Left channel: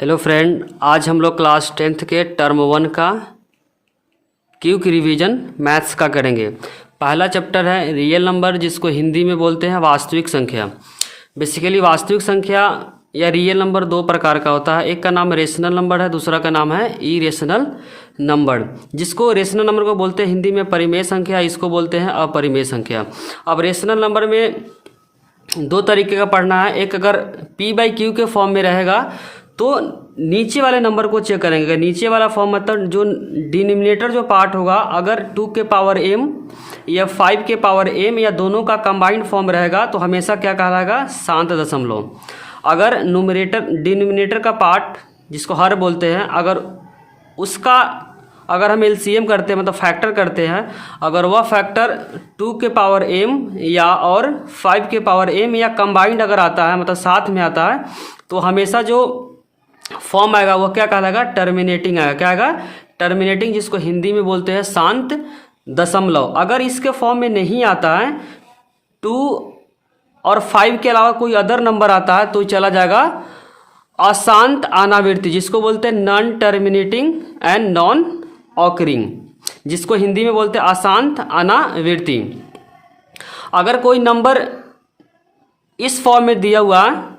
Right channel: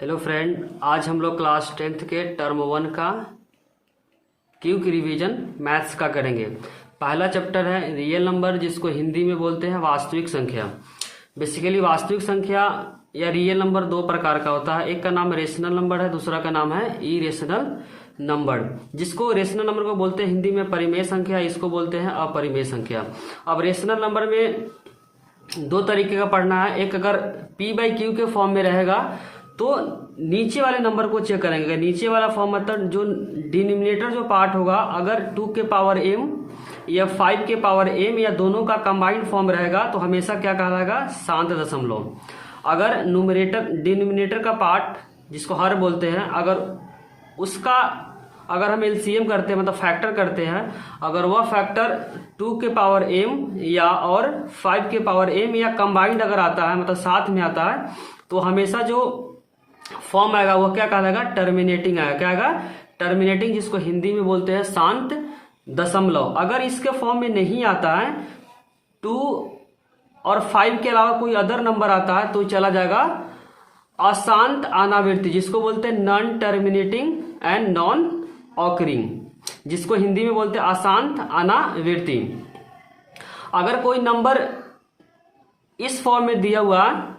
Hello friend, आज हम लोग क्लास 10th के टर्म 1 का क्विक रिवीजन मैथ्स का करेंगे। पहला चैप्टर है रियल नंबर, जिसको हिंदी में बोलते हैं वास्तविक संख्या। बेसिकली वास्तविक संख्या या रियल नंबर दो प्रकार का होता है। एक का नाम रेशनल नंबर है, दूसरा का नाम है इरेशनल नंबर। जिसको रेशनल नंबर को बोलते हैं हिंदी में परिमेय संख्या, इसको बोलते हैं अपरिमेय संख्या। अब रेशनल नंबर में दो तरीके का पढ़ना है। एक, अगर p/q के फॉर्म में रहेगा तो नीचे वाले नंबर को चेक करेंगे। नीचे वाला फॉर्म मतलब जो डिनोमिनेटर जो पार्ट होगा, अगर 2 के पावर m या 5 के पावर m या दोनों का कंबाइंड फॉर्म रहेगा तो हमेशा क्या कहलाएगा, शांत दशमलव। अगर डिनोमिनेटर का पार्ट जिसको हर बोलते हैं, अगर हम एलसीएम करते हैं मतलब फैक्टर करते हैं, अगर वह फैक्टर 2 के पावर m या और 5 के पावर m या कंबाइंड अगर आता है मतलब साथ में आता है, तो हमेशा जो फॉर्म आएगा वो क्या कहलाएगा, टर्मिनेटिंग आएगा। क्या आएगा, टर्मिनेटिंग, जिसको हिंदी में बोलते हैं शांत दशमलव। अगर इसके फॉर्म में नहीं आता है, 2 और 5 के अलावा कोई अदर नंबर आता है तो चला जाएगा अशांत अनावृत्ति, जिसको बोलते हैं non terminating and non occurring, जिसको हिंदी में बोलते हैं अशांत अनावृत्ति। अगर कोई नंबर इस फॉर्म में दिया हुआ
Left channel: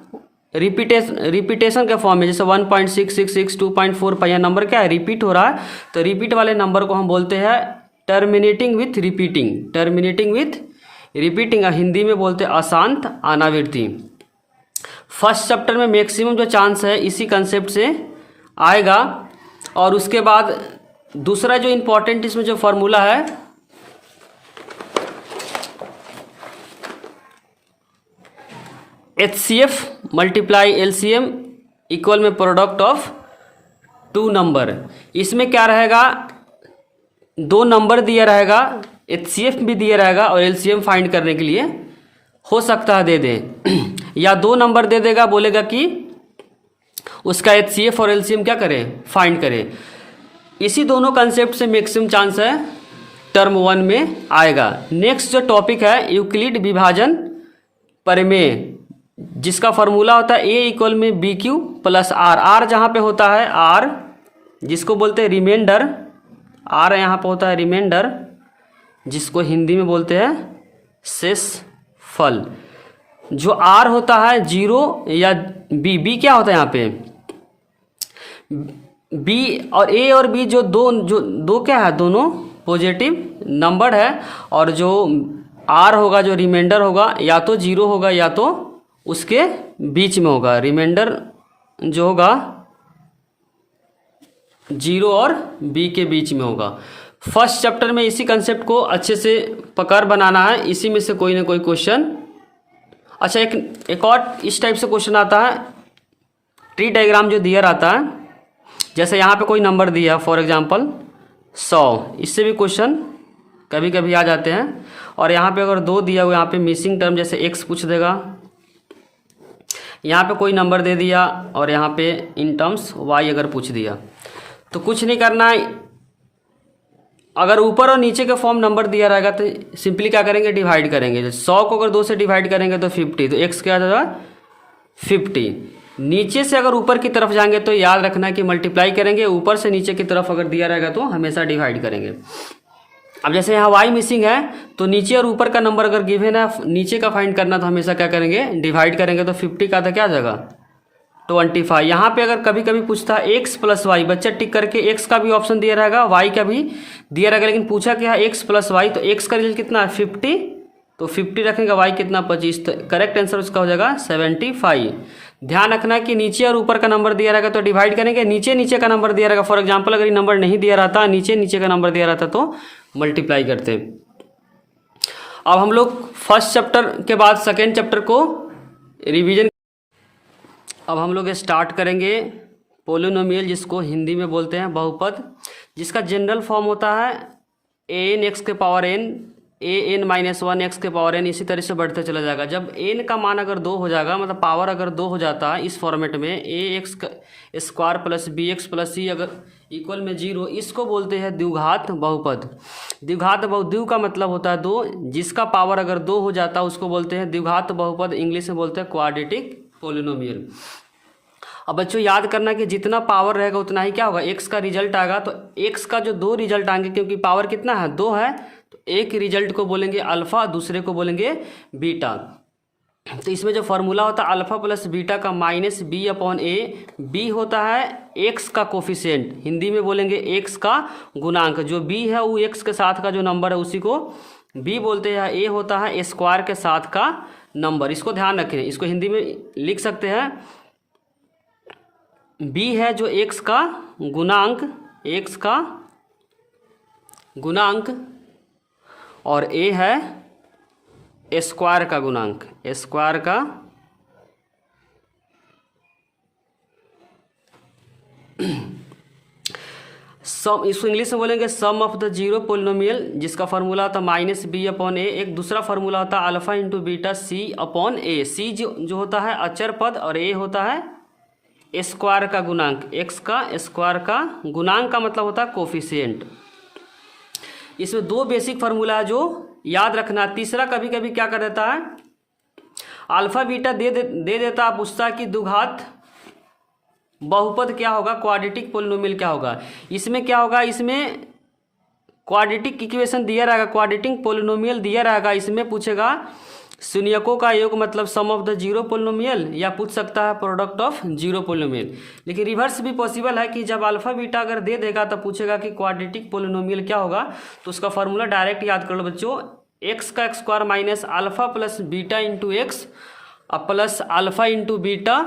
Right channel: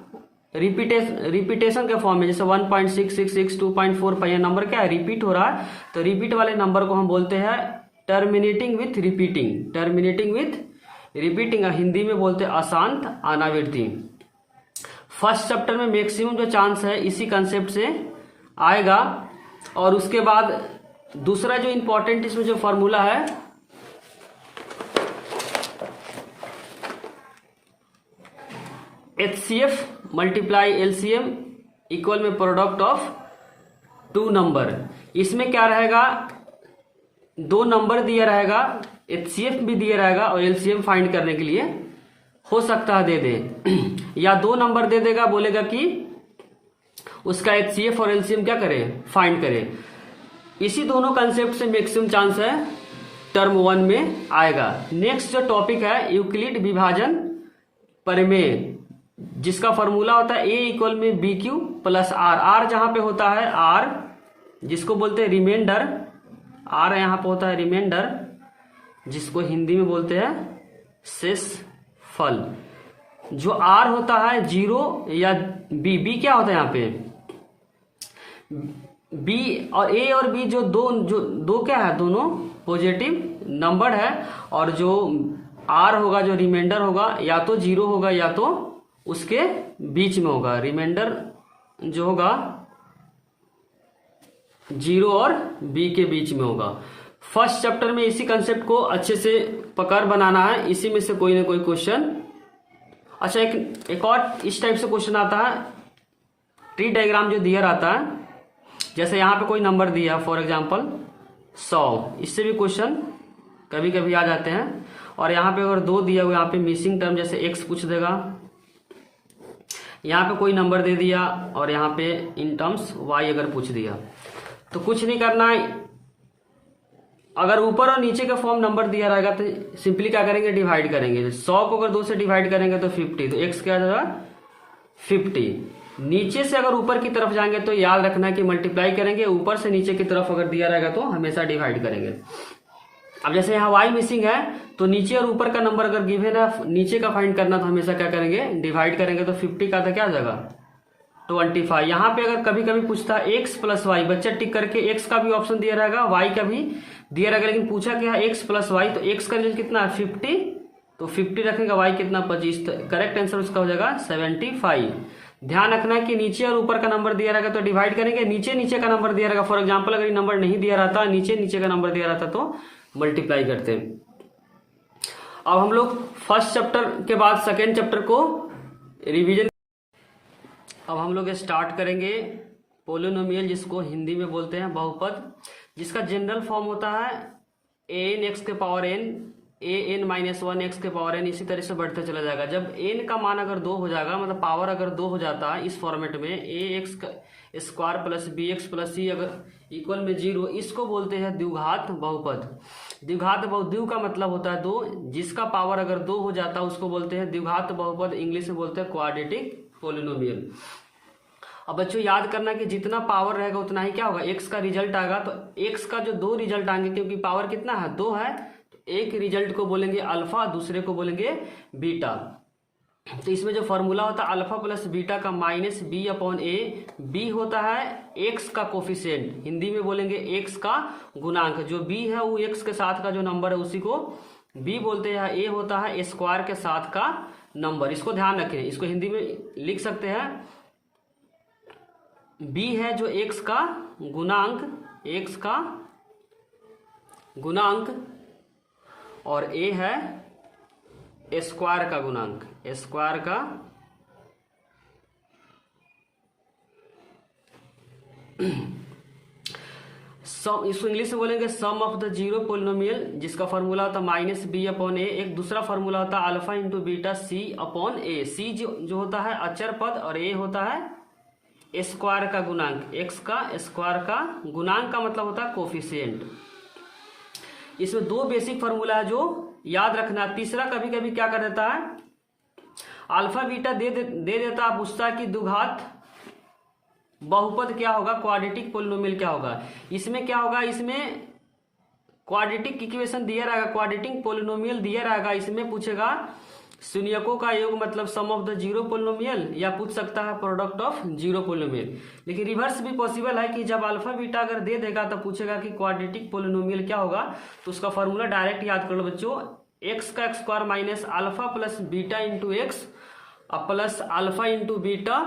रिपीटेशन के फॉर्म में, जैसे 1.666 2.45, यह नंबर क्या है, रिपीट हो रहा है, तो रिपीट वाले नंबर को हम बोलते हैं टर्मिनेटिंग विथ रिपीटिंग, हिंदी में बोलते हैं अशांत अनावृत्ति। फर्स्ट चैप्टर में मैक्सिमम जो चांस है इसी कंसेप्ट से आएगा। और उसके बाद दूसरा जो इम्पोर्टेंट इसमें जो फॉर्मूला है, HCF मल्टीप्लाई LCM इक्वल में प्रोडक्ट ऑफ 2 नंबर। इसमें क्या रहेगा, 2 नंबर दिया रहेगा, HCF भी दिया रहेगा और LCM फाइंड करने के लिए हो सकता है दे दे या 2 नंबर दे देगा, बोलेगा कि उसका HCF और LCM क्या करे, फाइंड करे। इसी दोनों कंसेप्ट से मैक्सिमम चांस है टर्म 1 में आएगा। नेक्स्ट जो टॉपिक है यूक्लिड विभाजन परिमेय, जिसका फॉर्मूला होता है a इक्वल में BQ प्लस R। R जहाँ पे होता है R, जिसको बोलते हैं रिमाइंडर, R यहाँ पे होता है रिमाइंडर, जिसको हिंदी में बोलते हैं शेषफल। जो R होता है 0 या B क्या होता है यहाँ पे, B और A और B जो दो क्या है, दोनों पॉजिटिव नंबर है। और जो R होगा, जो रिमाइंडर होगा, या तो 0 होगा या तो उसके बीच में होगा। रिमाइंडर जो होगा 0 और B के बीच में होगा। फर्स्ट चैप्टर में इसी कंसेप्ट को अच्छे से पकड़ बनाना है, इसी में से कोई ना कोई क्वेश्चन। अच्छा, एक और इस टाइप से क्वेश्चन आता है, ट्री डायग्राम जो दिया रहता है, जैसे यहाँ पे कोई नंबर दिया फॉर एग्जांपल 100, इससे भी क्वेश्चन कभी कभी आ जाते हैं। और यहाँ पे अगर 2 दिया हुआ, यहाँ पे मिसिंग टर्म जैसे x पूछ देगा, यहाँ पे कोई नंबर दे दिया और यहाँ पे इन टर्म्स y अगर पूछ दिया, तो कुछ नहीं करना है। अगर ऊपर और नीचे का फॉर्म नंबर दिया रहेगा तो सिंपली क्या करेंगे, डिवाइड करेंगे। 100 को अगर 2 से डिवाइड करेंगे तो 50, तो x क्या आ जाएगा 50। नीचे से अगर ऊपर की तरफ जाएंगे तो याद रखना कि मल्टीप्लाई करेंगे, ऊपर से नीचे की तरफ अगर दिया रहेगा तो हमेशा डिवाइड करेंगे। अब जैसे यहाँ y मिसिंग है तो नीचे और ऊपर का नंबर अगर गिवन है, नीचे का फाइंड करना, तो हमेशा क्या करेंगे, डिवाइड करेंगे। तो 50 का तो क्या आ जाएगा 25। यहाँ पे अगर कभी कभी पूछता है x प्लस वाई, बच्चा टिक करके x का भी ऑप्शन दिया रहेगा, y का भी दिया रहेगा, लेकिन पूछा क्या है x प्लस वाई, तो x का रिजल्ट कितना है 50, तो 50 रखेगा, y कितना 25, तो करेक्ट आंसर उसका हो जाएगा 75। ध्यान रखना है कि नीचे और ऊपर का नंबर दिया रहेगा तो डिवाइड करेंगे, नीचे का नंबर दिया रहेगा, फॉर एग्जाम्पल अगर ये नंबर नहीं दिया रहता, नीचे का नंबर दिया रहता तो मल्टीप्लाई करते हैं। अब हम लोग फर्स्ट चैप्टर के बाद सेकेंड चैप्टर को रिवीजन। अब हम लोग स्टार्ट करेंगे पोलिनोमियल, जिसको हिंदी में बोलते हैं बहुपद, जिसका जनरल फॉर्म होता है an x के power n, an minus 1 x के पावर n, इसी तरह से बढ़ते चला जाएगा। जब n का मान अगर 2 हो जाएगा, मतलब पावर अगर 2 हो जाता है इस फॉर्मेट में, ax square plus bx plus c अगर इक्वल में 0, इसको बोलते हैं द्विघात बहुपद। द्विघात का मतलब होता है 2, जिसका पावर अगर 2 हो जाता है उसको बोलते हैं द्विघात बहुपद, इंग्लिश में बोलते हैं क्वाड्रेटिक पोलिनोमियल। अब बच्चों याद करना कि जितना पावर रहेगा उतना ही क्या होगा, एक्स का रिजल्ट आएगा। तो एक्स का जो 2 रिजल्ट आएंगे, क्योंकि पावर कितना है, 2 है, तो एक रिजल्ट को बोलेंगे अल्फा, दूसरे को बोलेंगे बीटा। तो इसमें जो फॉर्मूला होता है अल्फा प्लस बीटा का माइनस बी अपॉन ए, बी होता है एक्स का कोफिशिएंट, हिंदी में बोलेंगे एक्स का गुणांक। जो बी है वो एक्स के साथ का जो नंबर है उसी को बी बोलते हैं। ए होता है स्क्वायर के साथ का नंबर, इसको ध्यान रखें। इसको हिंदी में लिख सकते हैं, बी है जो एक्स का गुणांक, एक्स का गुणांक, और ए है स्क्वायर का गुणांक, स्क्वायर का सम, इसको इंग्लिश में बोलेंगे sum of the zero polynomial, जिसका फॉर्मूला होता है माइनस बी अपॉन ए। एक दूसरा फॉर्मूला होता है alpha into beta c upon ए। सी जो होता है अचर पद और ए होता है स्क्वायर का गुणांक, एक्स का स्क्वायर का गुणांक का मतलब होता है कोफिशिएंट। इसमें 2 बेसिक फार्मूला है जो याद रखना। तीसरा कभी कभी क्या कर देता है, अल्फा बीटा दे देता, पूछता है कि द्विघात बहुपद क्या होगा, क्वाड्रेटिक पोलिनोमियल क्या होगा। इसमें क्या होगा, इसमें क्वाड्रेटिक इक्वेशन दिया रहेगा, क्वाड्रेटिक पोलिनोमियल दिया रहेगा। इसमें पूछेगा शून्यकों का योग मतलब सम ऑफ द जीरो पोलिनोमियल, या पूछ सकता है प्रोडक्ट ऑफ जीरो पोलिनोमियल। लेकिन रिवर्स भी पॉसिबल है कि जब अल्फा बीटा अगर दे देगा तो पूछेगा कि क्वाड्रेटिक पोलिनोमियल क्या होगा। तो उसका फॉर्मूला डायरेक्ट याद कर लो बच्चों, एक्स का square minus alpha plus beta into x plus alpha into beta.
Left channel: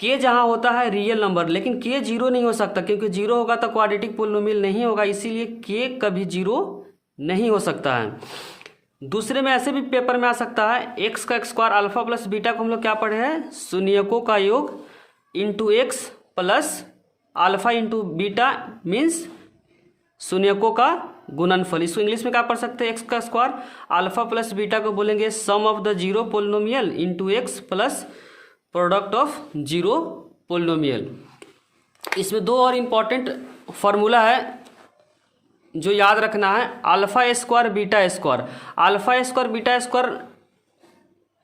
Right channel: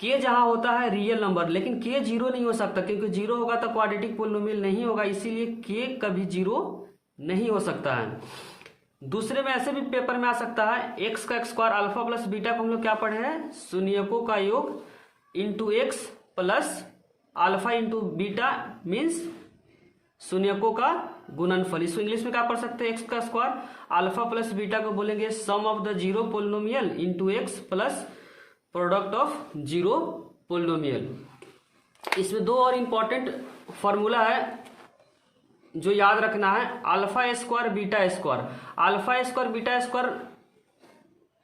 के जहाँ होता है रियल नंबर, लेकिन के जीरो नहीं हो सकता, क्योंकि जीरो होगा तो क्वाड्रेटिक पोलिनोमियल नहीं होगा, इसीलिए के कभी जीरो नहीं हो सकता है। दूसरे में ऐसे भी पेपर में आ सकता है, एक्स का स्क्वायर अल्फा प्लस बीटा को हम लोग क्या पढ़े हैं, शून्यकों का योग into x plus alpha into beta means शून्यकों का गुणनफल। इसको इंग्लिश में क्या पढ़ सकते हैं, एक्स का स्क्वायर अल्फा प्लस बीटा को बोलेंगे sum of the zero polynomial into x plus product of zero polynomial. इसमें 2 और इम्पॉर्टेंट फार्मूला है जो याद रखना है, alpha square beta square. Alpha square beta square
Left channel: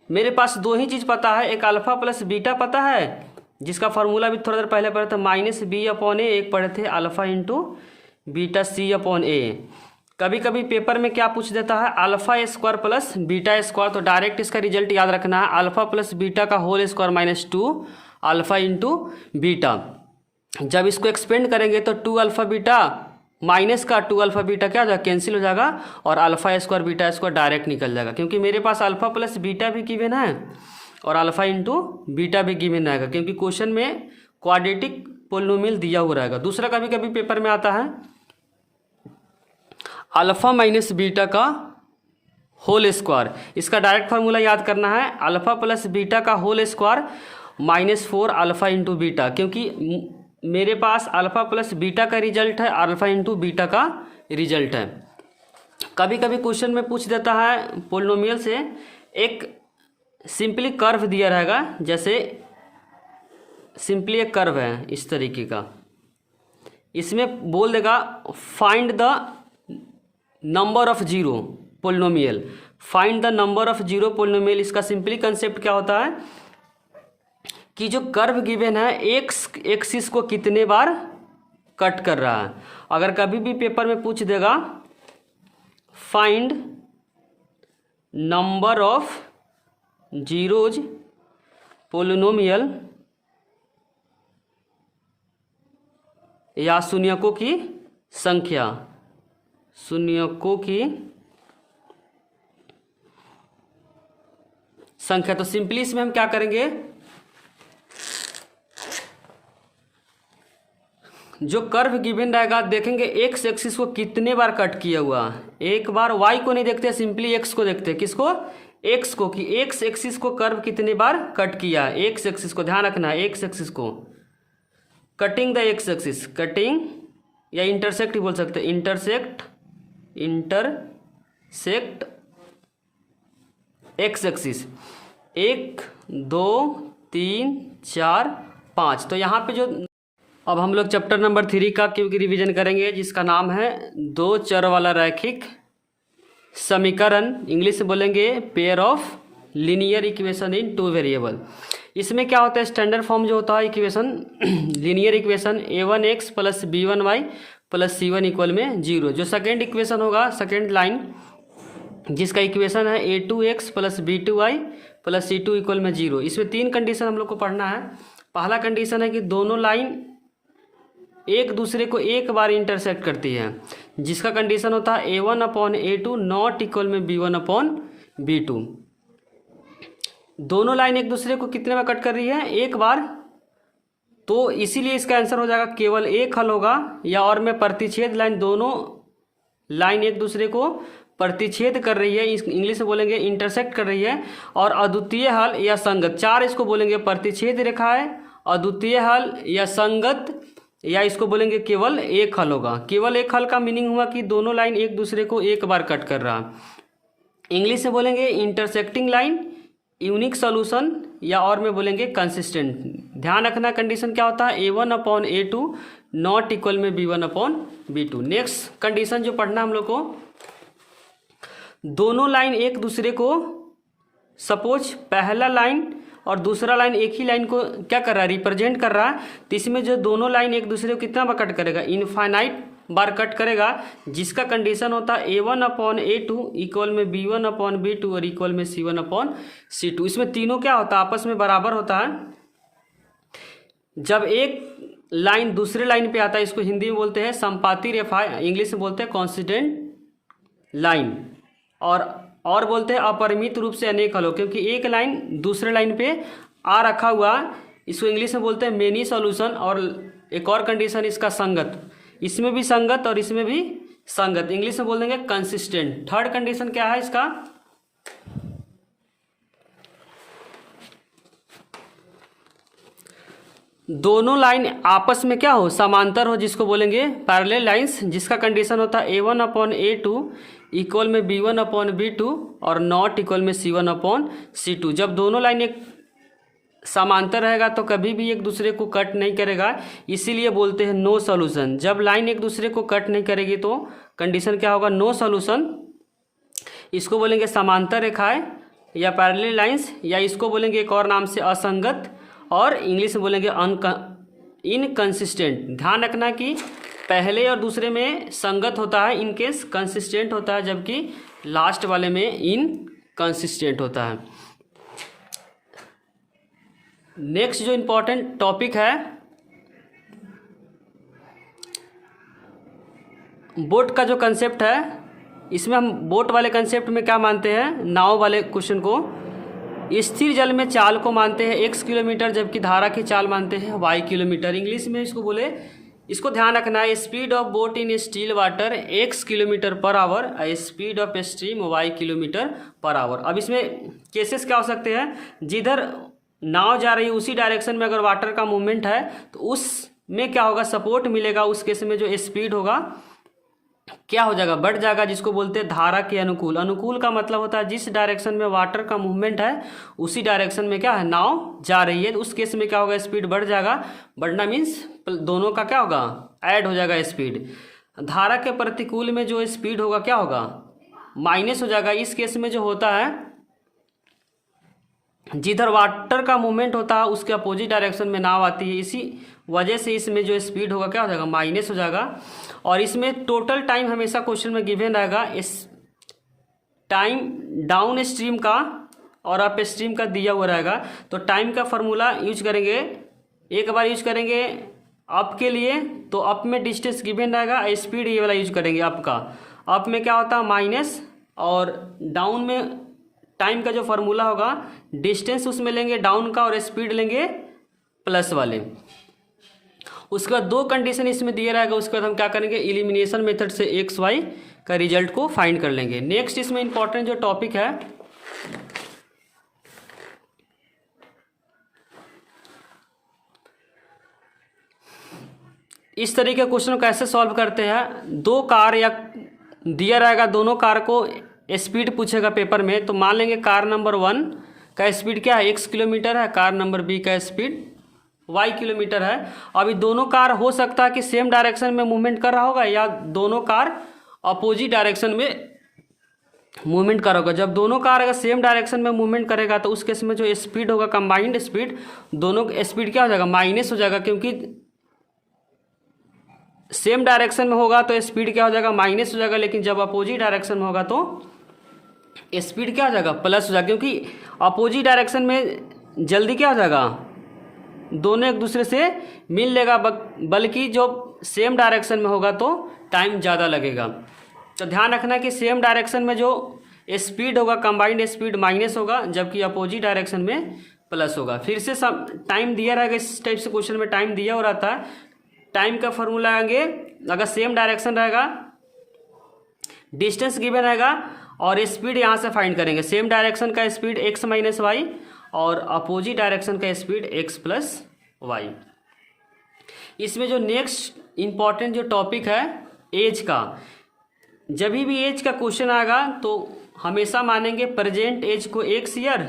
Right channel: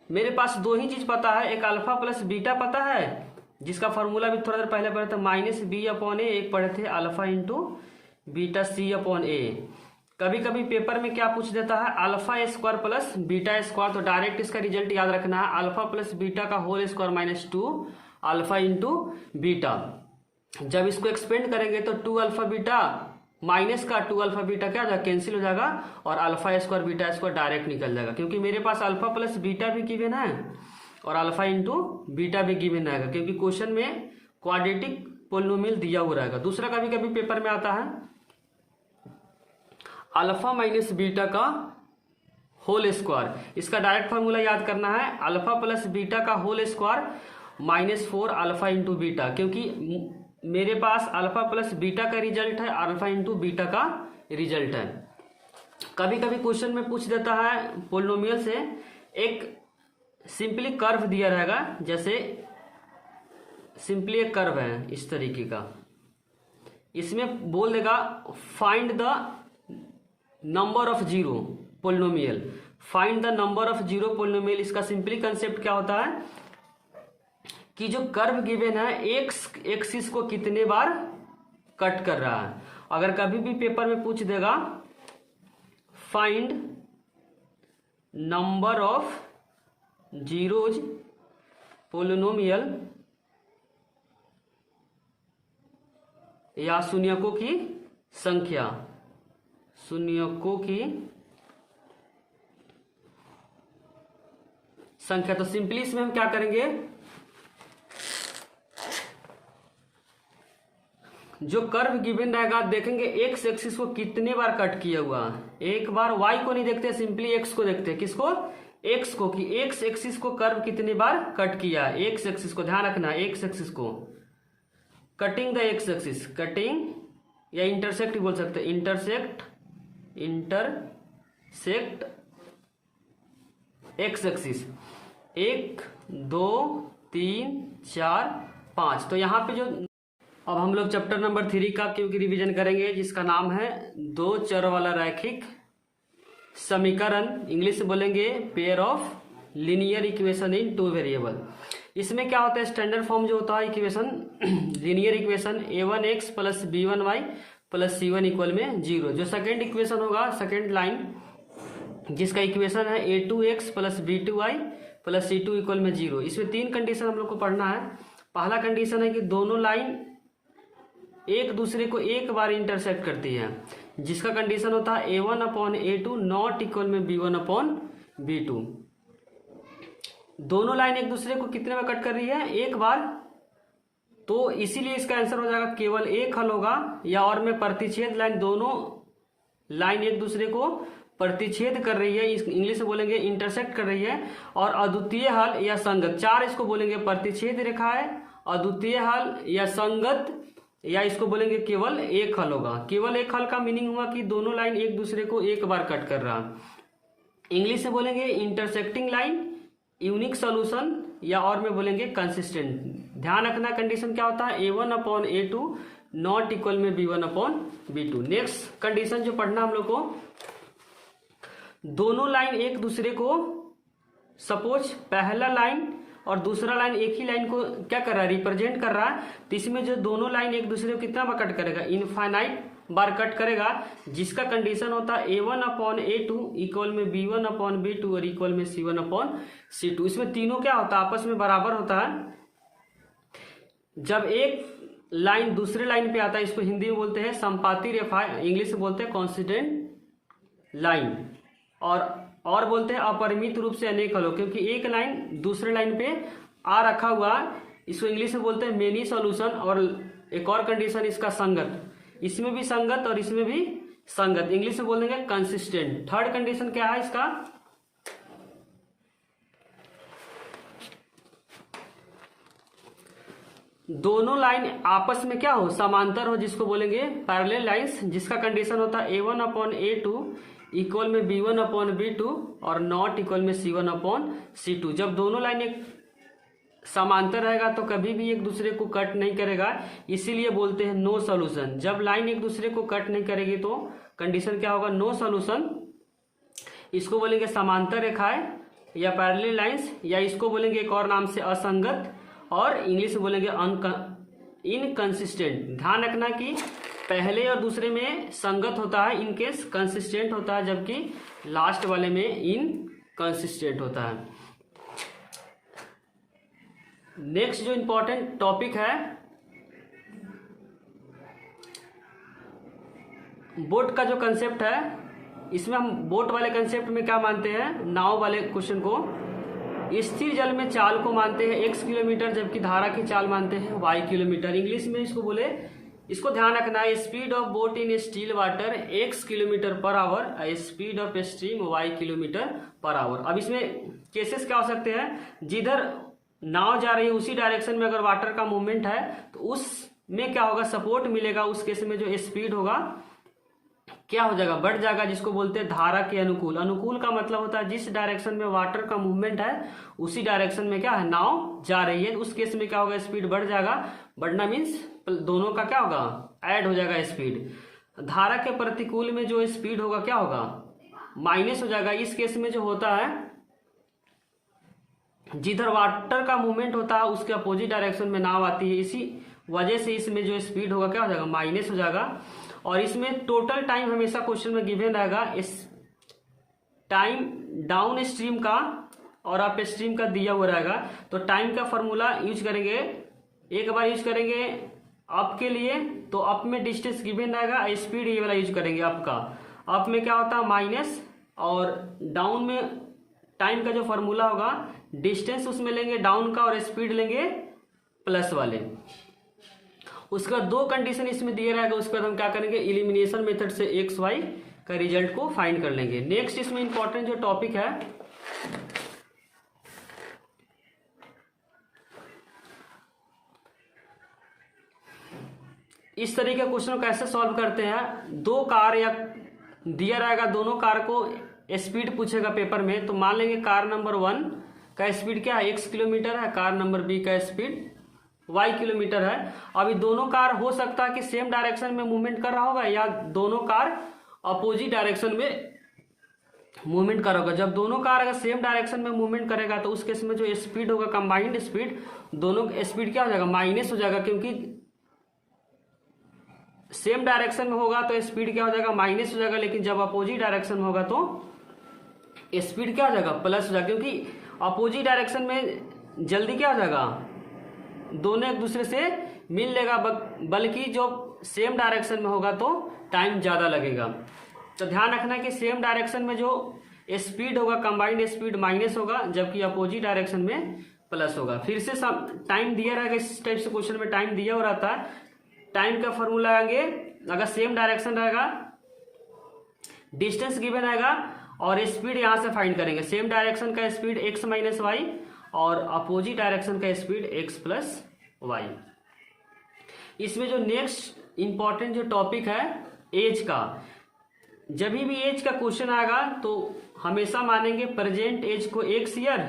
मेरे पास 2 ही चीज़ पता है, एक अल्फा प्लस बीटा पता है जिसका फार्मूला भी थोड़ा देर पहले पढ़े थे माइनस बी अपॉन ए, एक पढ़े थे alpha into beta c upon a. कभी कभी पेपर में क्या पूछ देता है, alpha square plus beta square, तो डायरेक्ट इसका रिजल्ट याद रखना है अल्फा प्लस बीटा का whole square minus 2 alpha into beta. जब इसको एक्सपेंड करेंगे तो 2 अल्फा बीटा माइनस का 2 अल्फा बीटा क्या हो जाएगा, कैंसिल हो जाएगा, और alpha square beta square direct निकल जाएगा, क्योंकि मेरे पास अल्फा प्लस बीटा भी गिवन है और अल्फा इंटू बीटा भी गिवन रहेगा, क्योंकि क्वेश्चन में क्वाड्रेटिक पोलिनोमियल दिया हुआ रहेगा। दूसरा कभी कभी पेपर में आता है अल्फा माइनस बीटा का होल स्क्वायर। इसका डायरेक्ट फार्मूला याद करना है, अल्फा प्लस बीटा का whole square minus 4 alpha into beta, क्योंकि मेरे पास अल्फा प्लस बीटा का रिजल्ट है, अल्फा इंटू बीटा का रिजल्ट है। कभी कभी क्वेश्चन में पूछ देता है पोलिनोमियल से, एक सिंपली कर्व दिया रहेगा, जैसे सिंपली एक कर्व है इस तरीके का, इसमें बोल देगा find the number of zero polynomial, find the number of zero polynomial. इसका सिंपली कंसेप्ट क्या होता है कि जो कर्व गिवन है एक्स एक्सिस को कितने बार कट कर रहा है। अगर कभी भी पेपर में पूछ देगा find number of zeros polynomial या शून्यकों की संख्या, शून्यकों की संख्या, तो सिंपली इसमें हम क्या करेंगे, जो कर्व गिवन रहेगा देखेंगे एक्स एक्सिस को कितने बार कट किया हुआ है। एक बार वाई को नहीं देखते, सिंपली एक्स को देखते हैं। किसको, एक्स को, कि एक्स एक्सिस को कर्व कितने बार कट किया है। एक्स एक्सिस को ध्यान रखना है, एक्स एक्सिस को cutting the x axis, cutting या इंटरसेक्ट ही बोल सकते हैं, इंटरसेक्ट एक्स एक्सिस 1 2 3 4 5। तो यहाँ पे जो अब हम लोग चैप्टर नंबर 3 का क्योंकि रिवीजन करेंगे, जिसका नाम है 2 चर वाला रैखिक समीकरण, इंग्लिश में बोलेंगे pair of linear equation in two variable. इसमें क्या होता है, स्टैंडर्ड फॉर्म जो होता है equation, linear equation a1x plus b1y plus c1 equal में 0। जो सेकेंड इक्वेशन होगा, सेकेंड लाइन जिसका इक्वेशन है a2x plus b2y plus c2 equal में 0। इसमें तीन कंडीशन हम लोग को पढ़ना है। पहला कंडीशन है कि दोनों लाइन एक दूसरे को एक बार इंटरसेक्ट करती है, जिसका कंडीशन होता है a1/a2 नॉट इक्वल में b1/b2। दोनों लाइन एक दूसरे को कितने बार कट कर रही है, एक बार, तो इसीलिए इसका आंसर हो जाएगा केवल एक हल होगा। या और में प्रतिच्छेद लाइन, दोनों लाइन एक दूसरे को प्रतिच्छेद कर रही है, इंग्लिश में बोलेंगे इंटरसेक्ट कर रही है। और अद्वितीय हल या संगत, चार इसको बोलेंगे प्रतिच्छेद रेखा है, अद्वितीय हल या संगत, या इसको बोलेंगे केवल एक हल होगा। केवल एक हल का मीनिंग हुआ कि दोनों लाइन एक दूसरे को एक बार कट कर रहा है। इंग्लिश में बोलेंगे इंटरसेक्टिंग लाइन, यूनिक सॉल्यूशन, या और में बोलेंगे कंसिस्टेंट। ध्यान रखना कंडीशन क्या होता है, a1/a2 नॉट इक्वल में b1/b2। नेक्स्ट कंडीशन जो पढ़ना हम लोग को, दोनों लाइन एक दूसरे को, सपोज पहला लाइन और दूसरा लाइन एक ही लाइन को क्या कर रहा है, रिप्रेजेंट कर रहा है, तो इसमें जो दोनों लाइन एक दूसरे को कितना बार कट करेगा, इनफाइनाइट बार कट करेगा, जिसका कंडीशन होता है a1/a2 इक्वल में b1/b2 और इक्वल में c1/c2। इसमें तीनों क्या होता है, आपस में बराबर होता है। जब एक लाइन दूसरे लाइन पे आता है, इसको हिंदी में बोलते हैं संपाती रेखा, इंग्लिश में बोलते हैं कॉन्सिडेंट लाइन, और बोलते हैं अपरिमित रूप से अनेक हल हो, क्योंकि एक लाइन दूसरे लाइन पे आ रखा हुआ, इसको इंग्लिश में बोलते हैं मेनी सॉल्यूशन। और एक और कंडीशन इसका संगत, इसमें भी संगत और इसमें भी संगत, इंग्लिश में बोल देंगे कंसिस्टेंट। थर्ड कंडीशन क्या है इसका, दोनों लाइन आपस में क्या हो, समांतर हो, जिसको बोलेंगे पैरेलल लाइंस, जिसका कंडीशन होता है a1/a2 इक्वल में b1/b2 और नॉट इक्वल में c1/c2। जब दोनों लाइन एक समांतर रहेगा तो कभी भी एक दूसरे को कट नहीं करेगा, इसीलिए बोलते हैं नो सॉल्यूशन। जब लाइन एक दूसरे को कट नहीं करेगी तो कंडीशन क्या होगा, नो सॉल्यूशन। इसको बोलेंगे समांतर रेखाएं या पैरेलल लाइंस, या इसको बोलेंगे एक और नाम से असंगत, और इंग्लिश में बोलेंगे इनकंसिस्टेंट। ध्यान रखना कि पहले और दूसरे में संगत होता है, इनकेस कंसिस्टेंट होता है, जबकि लास्ट वाले में इनकंसिस्टेंट होता है। नेक्स्ट जो इंपॉर्टेंट टॉपिक है, बोट का जो कंसेप्ट है, इसमें हम बोट वाले कंसेप्ट में क्या मानते हैं, नाव वाले क्वेश्चन को स्थिर जल में चाल को मानते हैं x किलोमीटर, जबकि धारा की चाल मानते हैं y किलोमीटर। इंग्लिश में इसको बोले, इसको ध्यान रखना है, speed of boat in still water x kilometre per hour, speed of stream y kilometre per hour. अब इसमें केसेस क्या हो सकते हैं, जिधर नाव जा रही है उसी डायरेक्शन में अगर वाटर का मूवमेंट है तो उसमें क्या होगा, सपोर्ट मिलेगा। उस केस में जो स्पीड होगा क्या हो जाएगा, बढ़ जाएगा, जिसको बोलते हैं धारा के अनुकूल। अनुकूल का मतलब होता है जिस डायरेक्शन में वाटर का मूवमेंट है उसी डायरेक्शन में क्या है, नाव जा रही है। उस केस में क्या होगा, स्पीड बढ़ जाएगा। बढ़ना मीन्स दोनों का क्या होगा, ऐड हो जाएगा स्पीड। धारा के प्रतिकूल में जो स्पीड होगा क्या होगा, माइनस हो जाएगा। इस केस में जो होता है, जिधर वाटर का मूवमेंट होता है उसके अपोजिट डायरेक्शन में नाव आती है, इसी वजह से इसमें जो स्पीड होगा क्या हो जाएगा, माइनस हो जाएगा। और इसमें टोटल टाइम हमेशा क्वेश्चन में गिवन रहेगा, इस टाइम डाउन स्ट्रीम का और अप स्ट्रीम का दिया हुआ रहेगा। तो टाइम का फॉर्मूला यूज करेंगे, एक बार यूज करेंगे अप के लिए, तो अप में डिस्टेंस गिवन रहेगा, स्पीड ये वाला यूज करेंगे अप का। अप में क्या होता है माइनस, और डाउन में टाइम का जो फॉर्मूला होगा डिस्टेंस उसमें लेंगे डाउन का, और स्पीड लेंगे प्लस वाले। उसके बाद दो कंडीशन इसमें दिया रहेगा, उसके बाद हम क्या करेंगे, एलिमिनेशन मेथड से एक्स वाई का रिजल्ट को फाइंड कर लेंगे। नेक्स्ट इसमें इंपॉर्टेंट जो टॉपिक है, इस तरीके के क्वेश्चन को कैसे सॉल्व करते हैं। दो कार या दिया रहेगा, दोनों कार को स्पीड पूछेगा पेपर में, तो मान लेंगे कार नंबर 1 का स्पीड क्या है, x किलोमीटर है, कार नंबर B का स्पीड y किलोमीटर है। अभी दोनों कार हो सकता है कि सेम डायरेक्शन में मूवमेंट कर रहा होगा, या दोनों कार अपोजिट डायरेक्शन में मूवमेंट कार होगा। जब दोनों कार अगर सेम डायरेक्शन में मूवमेंट करेगा तो उस केस में जो स्पीड होगा कंबाइंड स्पीड, दोनों स्पीड क्या हो जाएगा, माइनस हो जाएगा, क्योंकि सेम डायरेक्शन में होगा तो स्पीड क्या हो जाएगा, माइनस हो जाएगा। लेकिन जब अपोजिट डायरेक्शन में होगा तो स्पीड क्या हो जाएगा, प्लस हो जाएगा, क्योंकि अपोजिट डायरेक्शन में जल्दी क्या हो जाएगा, दोनों एक दूसरे से मिल लेगा, बल्कि जो सेम डायरेक्शन में होगा तो टाइम ज़्यादा लगेगा। तो ध्यान रखना कि सेम डायरेक्शन में जो स्पीड होगा कंबाइंड स्पीड माइनस होगा, जबकि अपोजिट डायरेक्शन में प्लस होगा। फिर से सब टाइम दिया रहेगा, इस टाइप से क्वेश्चन में टाइम दिया हो रहता है। टाइम का फॉर्मूला आएंगे, अगर सेम डायरेक्शन रहेगा, डिस्टेंस गिवन रहेगा और स्पीड यहाँ से फाइंड करेंगे। सेम डायरेक्शन का स्पीड x माइनस वाई और अपोजिट डायरेक्शन का स्पीड x प्लस वाई। इसमें जो नेक्स्ट इंपॉर्टेंट जो टॉपिक है एज का, जब भी एज का क्वेश्चन आएगा तो हमेशा मानेंगे प्रेजेंट एज को x ईयर,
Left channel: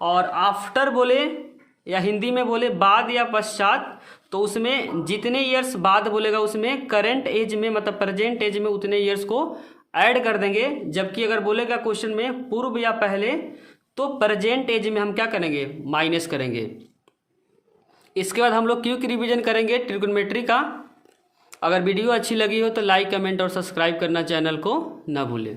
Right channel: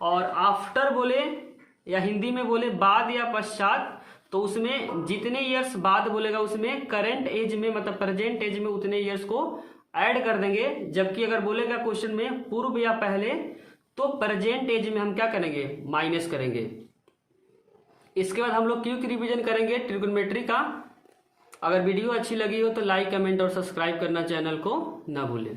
और आफ्टर बोले या हिंदी में बोले बाद या पश्चात, तो उसमें जितने ईयर्स बाद बोलेगा उसमें करंट एज में मतलब प्रेजेंट एज में उतने ईयर्स को ऐड कर देंगे। जबकि अगर बोलेगा क्वेश्चन में पूर्व या पहले, तो प्रेजेंट एज में हम क्या करेंगे, माइनस करेंगे। इसके बाद हम लोग क्विक रिवीजन करेंगे ट्रिग्नोमेट्री का। अगर वीडियो अच्छी लगी हो तो लाइक कमेंट और सब्सक्राइब करना चैनल को ना भूलें।